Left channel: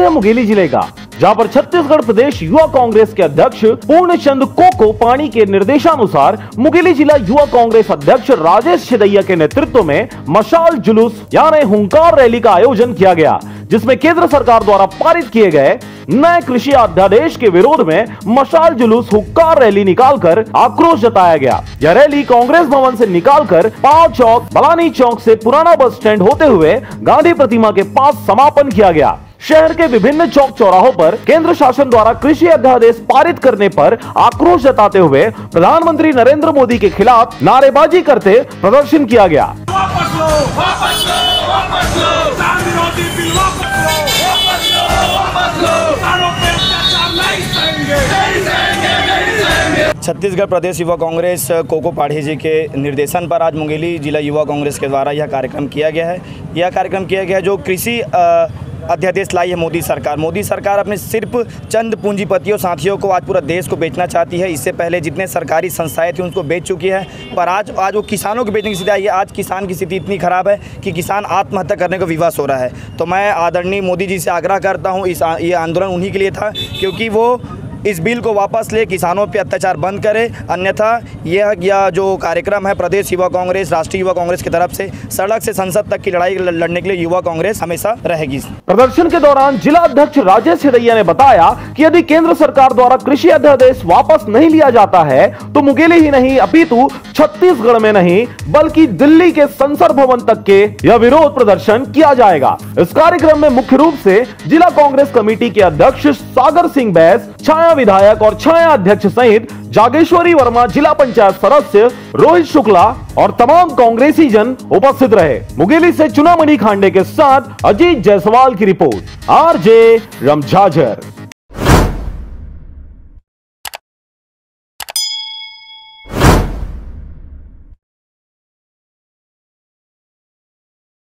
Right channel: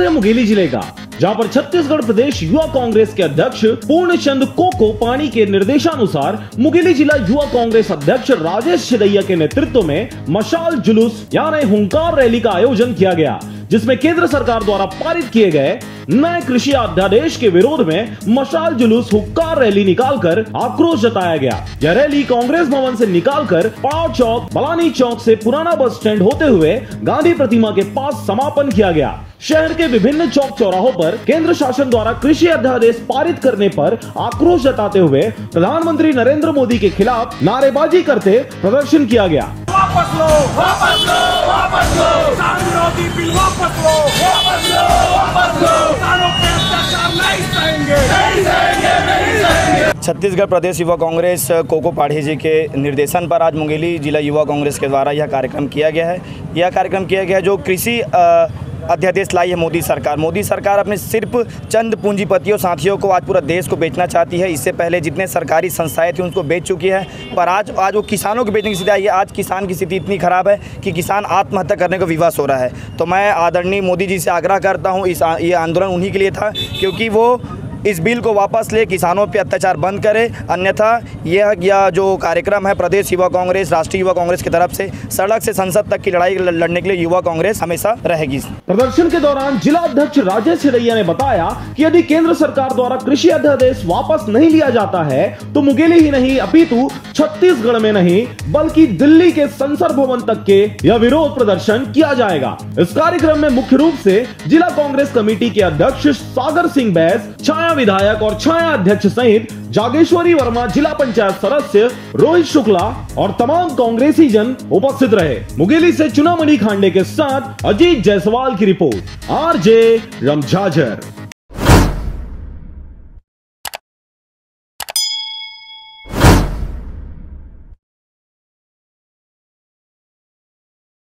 Number है मुंगेली जिले का, जहां पर छत्तीसगढ़ प्रदेश युवा कांग्रेस के अध्यक्ष पूर्णचंद कोको पाणी के निर्देशानुसार मुंगेली जिला युवा कांग्रेस अध्यक्ष राजेश छिदैया के नेतृत्व में मशाल जुलूस यानी हुंकार रैली का आयोजन किया गया, जिसमें केंद्र सरकार द्वारा पारित किए गए नए कृषि अध्यादेश के विरोध में मशाल जुलूस हुक्कार रैली निकालकर आक्रोश जताया गया। यह रैली कांग्रेस भवन से निकालकर पाव चौक, बलानी चौक से पुराना बस स्टैंड होते हुए गांधी प्रतिमा के पास समापन किया गया। शहर के विभिन्न चौक चौराहों पर केंद्र शासन द्वारा कृषि अध्यादेश पारित करने पर आक्रोश जताते हुए प्रधानमंत्री नरेंद्र मोदी के खिलाफ नारेबाजी करते प्रदर्शन किया गया। वापस लो, वापस लो, वापस लो, किसान विरोधी बिल वापस लो, वापस लो, वापस लो, किसानों पे अत्याचार नहीं सहेंगे, नहीं सहेंगे, नहीं सहेंगे। छत्तीसगढ़ प्रदेश युवा कांग्रेस कोको पाढ़ी जी के निर्देशन पर आज मुंगेली जिला युवा कांग्रेस के द्वारा यह कार्यक्रम किया गया है। यह कार्यक्रम किया गया जो कृषि अध्यादेश लाई है मोदी सरकार अपने सिर्फ चंद पूंजीपतियों साथियों को आज पूरा देश को बेचना चाहती है। इससे पहले जितने सरकारी संस्थाएं थी उनको बेच चुकी है, पर आज वो किसानों को बेचने की स्थिति आई है। आज किसान की स्थिति इतनी खराब है कि किसान आत्महत्या करने को विवश हो रहा है। तो मैं आदरणीय मोदी जी से आग्रह करता हूँ, ये आंदोलन उन्हीं के लिए था क्योंकि वो इस बिल को वापस ले किसानों पे अत्याचार बंद करे, अन्यथा यह जो कार्यक्रम है प्रदेश युवा कांग्रेस, राष्ट्रीय युवा कांग्रेस की तरफ से सड़क से संसद तक की लड़ाई लड़ने के लिए युवा कांग्रेस हमेशा रहेगी। प्रदर्शन के दौरान जिला अध्यक्ष राजेश छिदैया ने बताया कि यदि केंद्र सरकार द्वारा कृषि अध्यादेश वापस नहीं लिया जाता है तो मुंगेली ही नहीं अपितु छत्तीसगढ़ में नहीं बल्कि दिल्ली के संसद भवन तक के यह विरोध प्रदर्शन किया जाएगा। इस कार्यक्रम में मुख्य रूप से जिला कांग्रेस कमेटी के अध्यक्ष सागर सिंह बैस, छाया विधायक और छाया अध्यक्ष सहित जागेश्वरी वर्मा, जिला पंचायत सदस्य रोहित शुक्ला और तमाम कांग्रेसी जन उपस्थित रहे। मुंगेली से चुनामणि खांडे के साथ अजीत जायसवाल की रिपोर्ट, आरजे रमझाझर।